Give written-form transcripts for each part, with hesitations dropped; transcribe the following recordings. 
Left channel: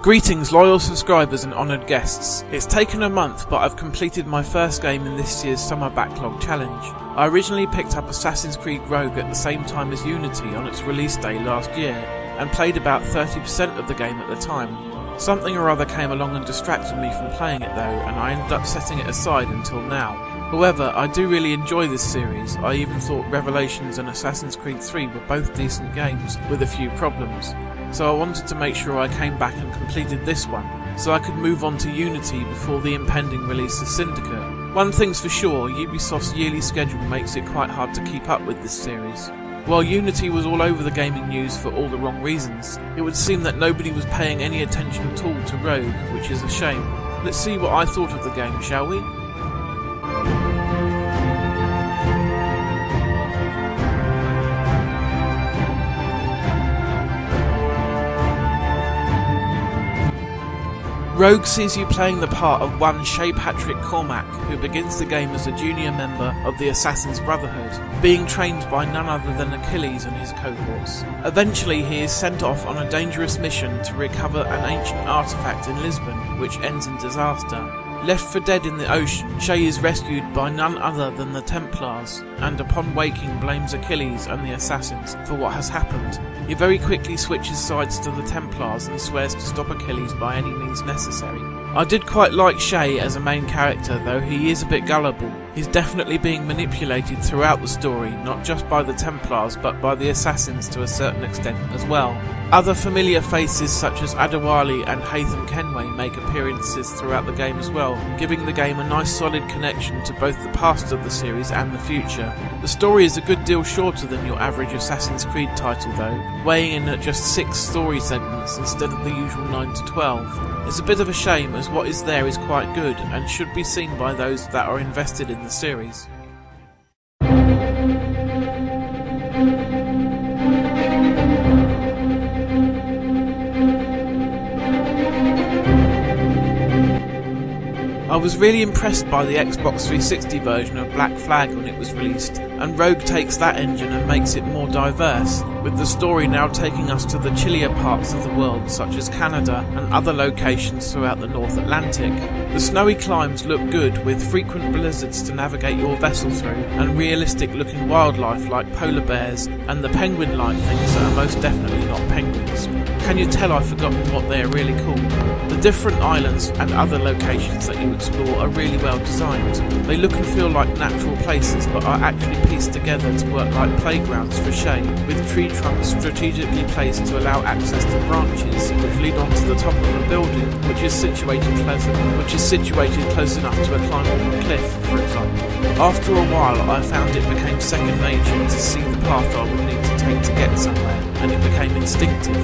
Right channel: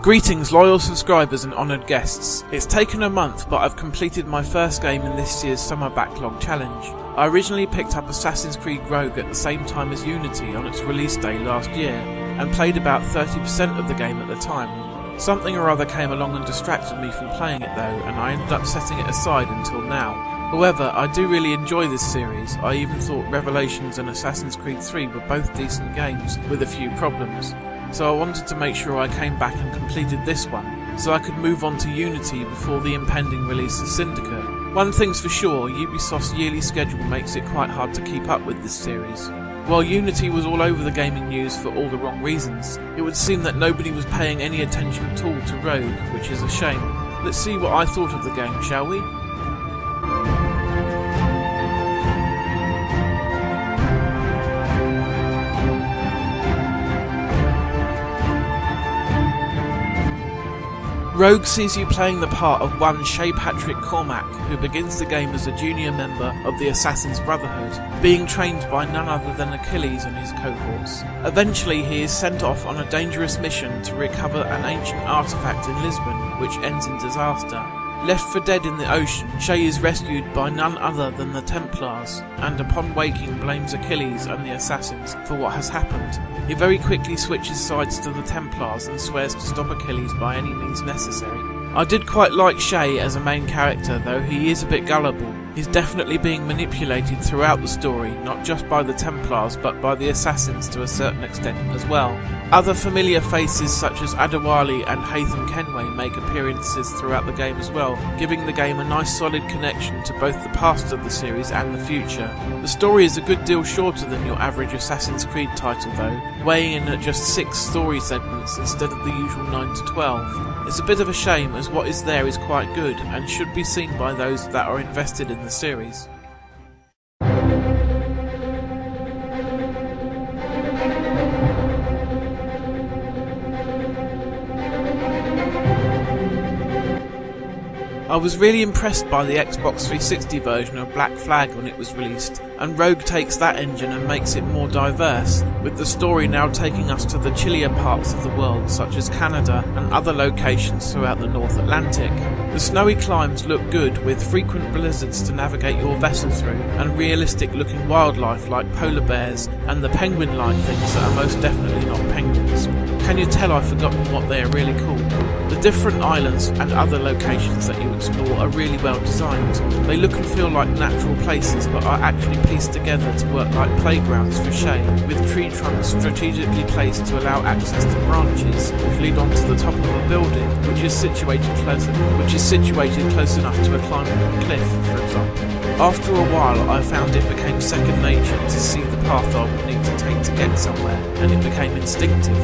Greetings loyal subscribers and honoured guests. It's taken a month, but I've completed my first game in this year's summer backlog challenge. I originally picked up Assassin's Creed Rogue at the same time as Unity on its release day last year, and played about 30% of the game at the time. Something or other came along and distracted me from playing it though, and I ended up setting it aside until now. However, I do really enjoy this series. I even thought Revelations and Assassin's Creed 3 were both decent games, with a few problems. So I wanted to make sure I came back and completed this one, so I could move on to Unity before the impending release of Syndicate. One thing's for sure, Ubisoft's yearly schedule makes it quite hard to keep up with this series. While Unity was all over the gaming news for all the wrong reasons, it would seem that nobody was paying any attention at all to Rogue, which is a shame. Let's see what I thought of the game, shall we? Rogue sees you playing the part of one Shay Patrick Cormac, who begins the game as a junior member of the Assassin's Brotherhood, being trained by none other than Achilles and his cohorts. Eventually he is sent off on a dangerous mission to recover an ancient artifact in Lisbon, which ends in disaster. Left for dead in the ocean, Shay is rescued by none other than the Templars, and upon waking blames Achilles and the Assassins for what has happened. He very quickly switches sides to the Templars and swears to stop Achilles by any means necessary. I did quite like Shay as a main character, though he is a bit gullible. He's definitely being manipulated throughout the story, not just by the Templars but by the Assassins to a certain extent as well. Other familiar faces such as Adewale and Haytham Kenway make appearances throughout the game as well, giving the game a nice solid connection to both the past of the series and the future. The story is a good deal shorter than your average Assassin's Creed title though, weighing in at just 6 story segments instead of the usual 9 to 12. It's a bit of a shame as what is there is quite good and should be seen by those that are invested in the series. I was really impressed by the Xbox 360 version of Black Flag when it was released, and Rogue takes that engine and makes it more diverse, with the story now taking us to the chillier parts of the world such as Canada and other locations throughout the North Atlantic. The snowy climes look good, with frequent blizzards to navigate your vessel through, and realistic looking wildlife like polar bears and the penguin-like things that are most definitely not penguins. Can you tell I've forgotten what they are really called? The different islands and other locations that you explore are really well designed. They look and feel like natural places but are actually pieced together to work like playgrounds for Shay, with tree trunks strategically placed to allow access to branches which lead onto the top of a building which is situated close enough to a climbable cliff, for example. After a while I found it became second nature to see the path I would need to take to get somewhere, and it became instinctive.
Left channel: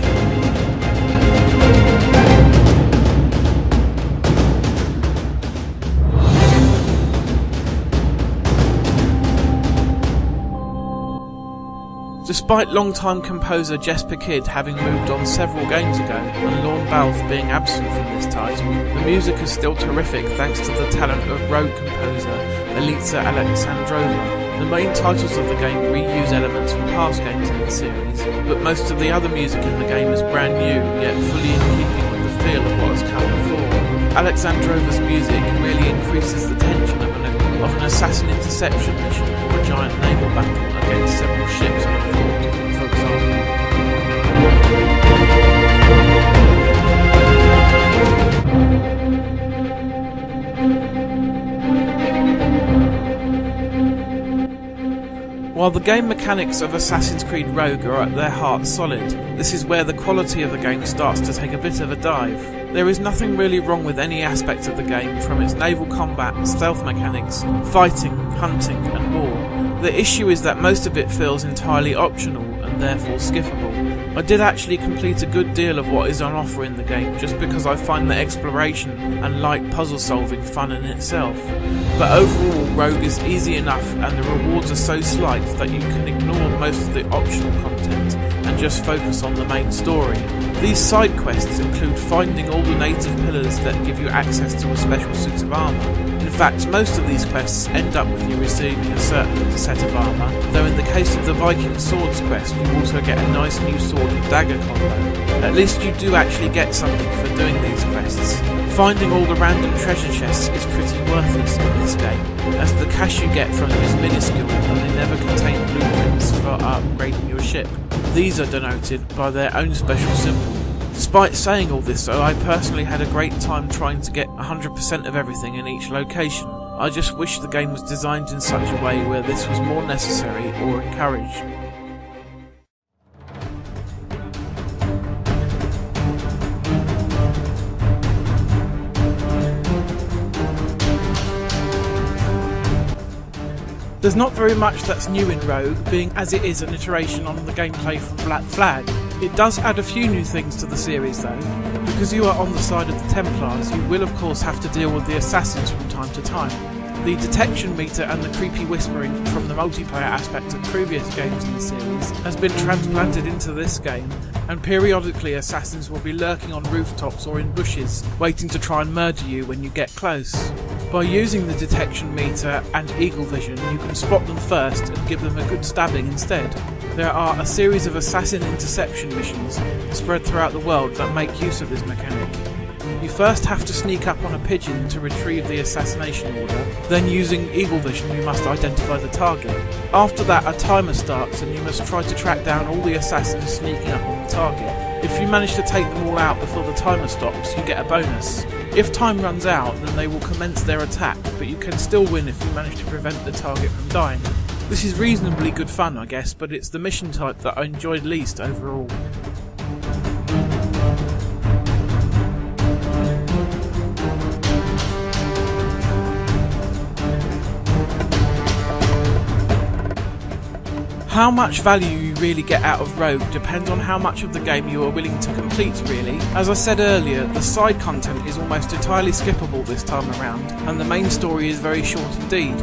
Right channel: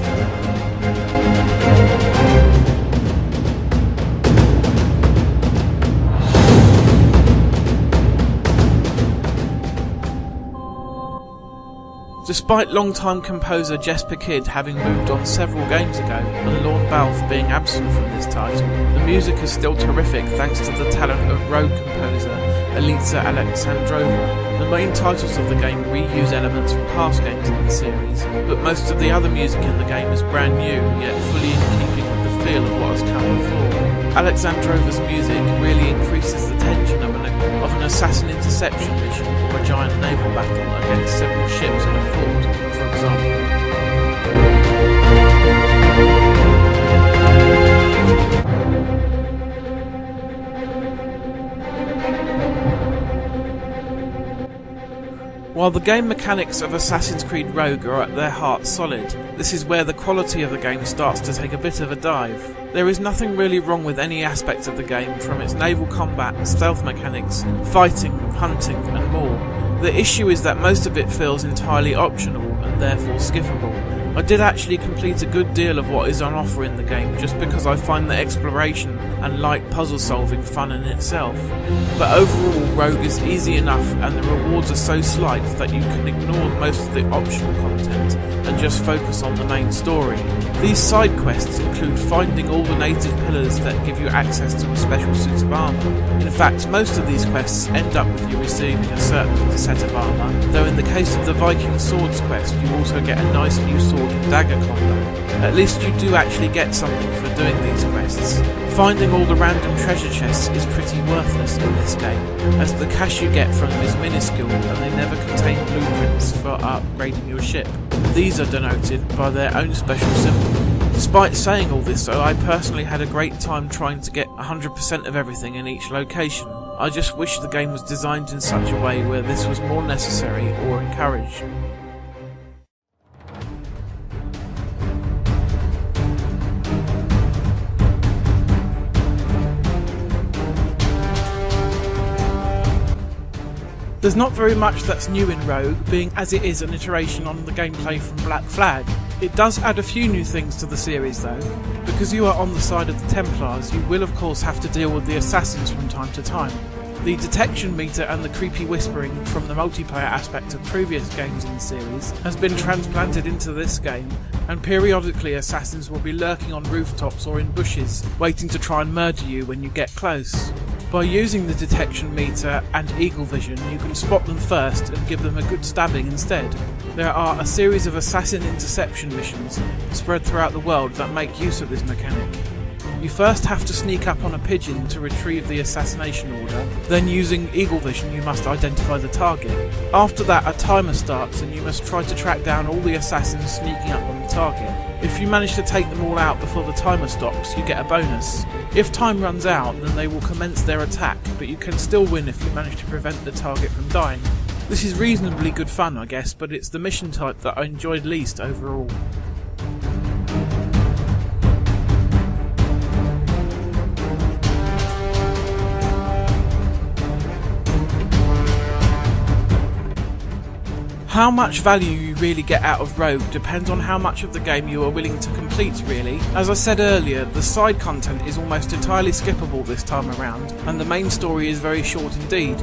Despite long-time composer Jesper Kyd having moved on several games ago, and Lorne Balfe being absent from this title, the music is still terrific thanks to the talent of Rogue composer Elitsir Alexandrova. The main titles of the game reuse elements from past games in the series, but most of the other music in the game is brand new, yet fully in keeping with the feel of what has come before. Alexandrova's music really increases the tension of an assassin interception mission or a giant naval battle against several ships and a fort, for example. While the game mechanics of Assassin's Creed Rogue are at their heart solid, this is where the quality of the game starts to take a bit of a dive. There is nothing really wrong with any aspect of the game, from its naval combat, stealth mechanics, fighting, hunting and more. The issue is that most of it feels entirely optional and therefore skippable. I did actually complete a good deal of what is on offer in the game just because I find the exploration and light puzzle solving fun in itself. But overall, Rogue is easy enough and the rewards are so slight that you can ignore most of the optional content and just focus on the main story. These side quests include finding all the native pillars that give you access to a special suit of armour. In fact, most of these quests end up with you receiving a certain set of armour, though in the case of the Viking Swords quest you also get a nice new sword sword and dagger combo. At least you do actually get something for doing these quests. Finding all the random treasure chests is pretty worthless in this game, as the cash you get from them is minuscule and they never contain blueprints for upgrading your ship. These are denoted by their own special symbol. Despite saying all this though, I personally had a great time trying to get 100% of everything in each location. I just wish the game was designed in such a way where this was more necessary or encouraged. There's not very much that's new in Rogue, being as it is an iteration on the gameplay from Black Flag. It does add a few new things to the series though. Because you are on the side of the Templars, you will of course have to deal with the assassins from time to time. The detection meter and the creepy whispering from the multiplayer aspect of previous games in the series has been transplanted into this game, and periodically assassins will be lurking on rooftops or in bushes, waiting to try and murder you when you get close. By using the detection meter and eagle vision, you can spot them first and give them a good stabbing instead. There are a series of assassin interception missions spread throughout the world that make use of this mechanic. You first have to sneak up on a pigeon to retrieve the assassination order, then using eagle vision you must identify the target. After that a timer starts and you must try to track down all the assassins sneaking up on the target. If you manage to take them all out before the timer stops, you get a bonus. If time runs out, then they will commence their attack, but you can still win if you manage to prevent the target from dying. This is reasonably good fun I guess, but it's the mission type that I enjoyed least overall. How much value you really get out of Rogue depends on how much of the game you are willing to complete really. As I said earlier, the side content is almost entirely skippable this time around, and the main story is very short indeed.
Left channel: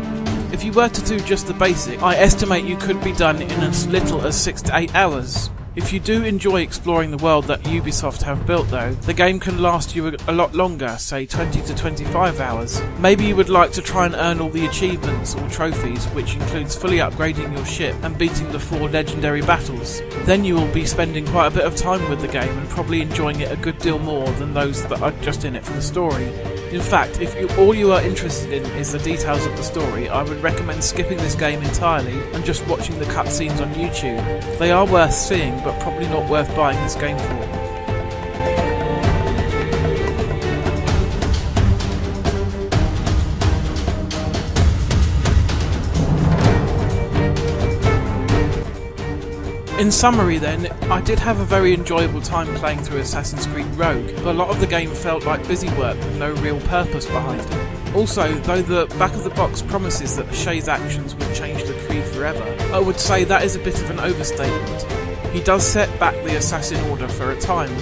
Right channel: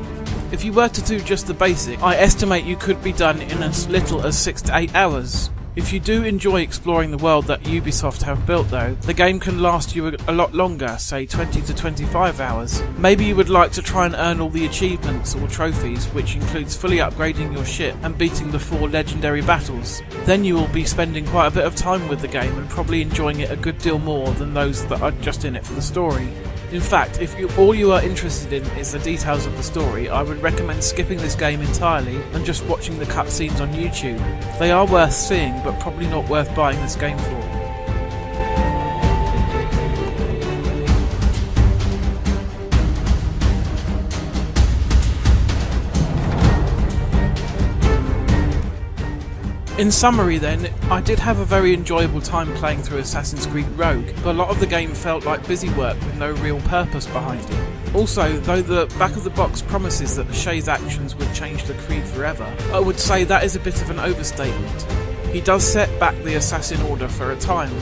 If you were to do just the basic, I estimate you could be done in as little as 6 to 8 hours. If you do enjoy exploring the world that Ubisoft have built though, the game can last you a lot longer, say 20 to 25 hours. Maybe you would like to try and earn all the achievements or trophies, which includes fully upgrading your ship and beating the 4 legendary battles. Then you will be spending quite a bit of time with the game and probably enjoying it a good deal more than those that are just in it for the story. In fact, if all you are interested in is the details of the story, I would recommend skipping this game entirely and just watching the cutscenes on YouTube. They are worth seeing, but probably not worth buying this game for. In summary then, I did have a very enjoyable time playing through Assassin's Creed Rogue, but a lot of the game felt like busy work with no real purpose behind it. Also, though the back of the box promises that Shay's actions would change the Creed forever, I would say that is a bit of an overstatement. He does set back the Assassin Order for a time,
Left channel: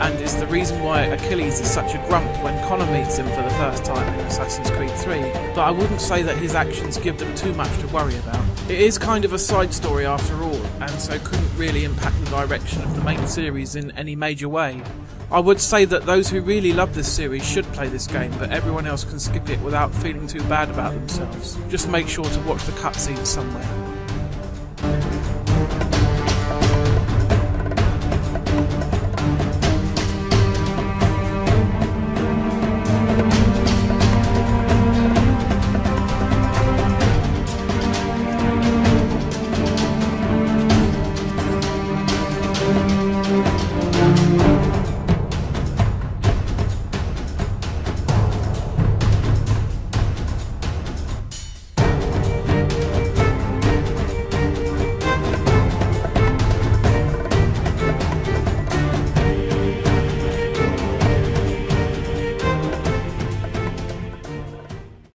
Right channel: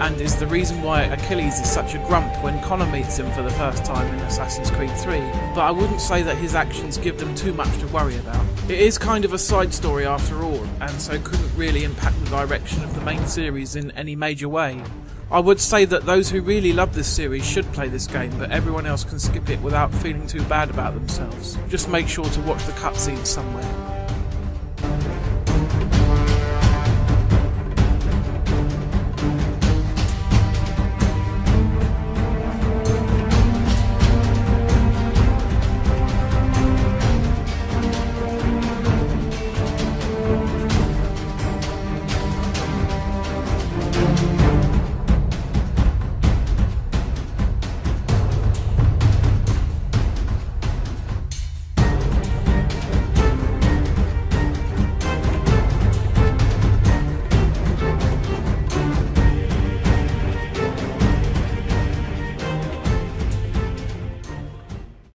and is the reason why Achilles is such a grump when Connor meets him for the first time in Assassin's Creed 3, but I wouldn't say that his actions give them too much to worry about. It is kind of a side story after all, and so couldn't really impact the direction of the main series in any major way. I would say that those who really love this series should play this game, but everyone else can skip it without feeling too bad about themselves. Just make sure to watch the cutscenes somewhere.